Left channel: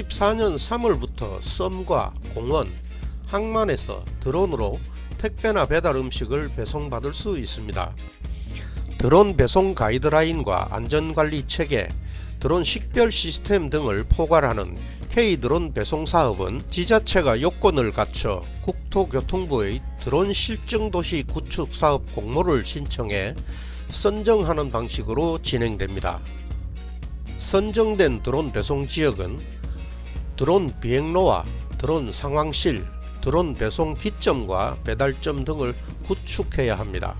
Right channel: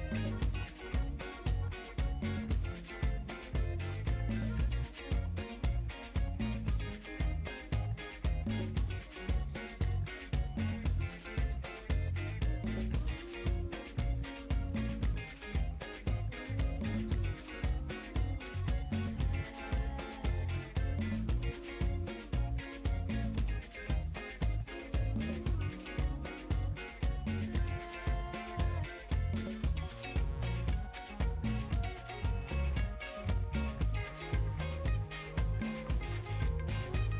2024년 3월부터 썸과 공원, 항만에서 드론으로 택배나 배달 음식을 배송받을 수 있습니다. 드론 배송 가이드라인과 안전관리 체계, 드론 식별 시스템 등을 포괄하는 K 드론 배송 사업은 지자체가 요건을 갖춰 국토교통부의 드론 실증 도시 구축 사업 공모를 신청해 선정하는 방식으로 진행됩니다. 선정된 드론 배송 지역은 드론 비행로와 드론 상황실, 드론 배송 기점과 배달점 등을 구축해야 합니다.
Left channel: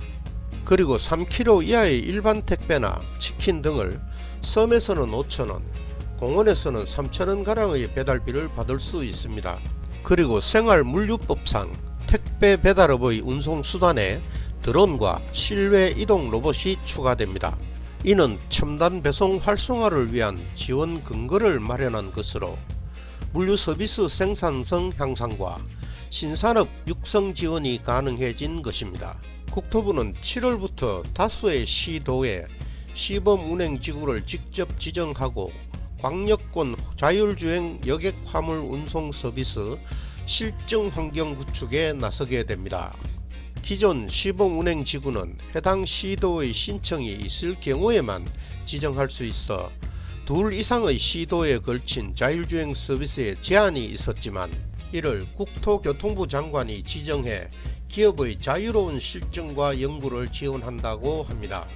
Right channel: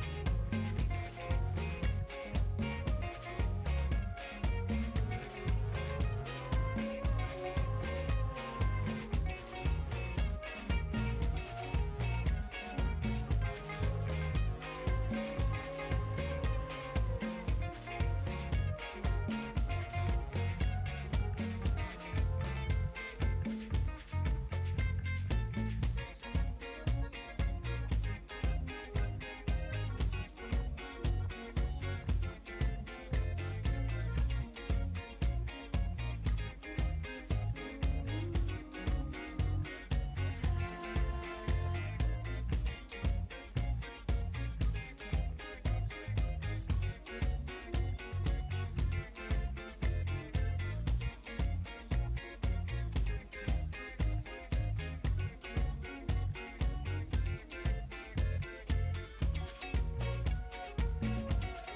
그리고 3kg 이하의 일반 택배나 치킨 등을 섬에서는 5,000원, 공원에서는 3,000원 가량의 배달비를 받을 수 있습니다. 그리고 생활 물류법상 택배 배달업의 운송 수단에 드론과 실외 이동 로봇이 추가됩니다. 이는 첨단 배송 활성화를 위한 지원 근거를 마련한 것으로 물류 서비스 생산성 향상과 신산업 육성 지원이 가능해진 것입니다. 국토부는 7월부터 다수의 시도에 시범 운행 지구를 직접 지정하고 광역권 자율주행 여객 화물 운송 서비스 실증 환경 구축에 나서게 됩니다. 기존 시범 운행 지구는 해당 시도의 신청이 있을 경우에만 지정할 수 있어 둘 이상의 시도에 걸친 자율주행 서비스에 제한이 있었지만 이를 국토교통부 장관이 지정해 기업의 자유로운 실증과 연구를 지원한다고 합니다.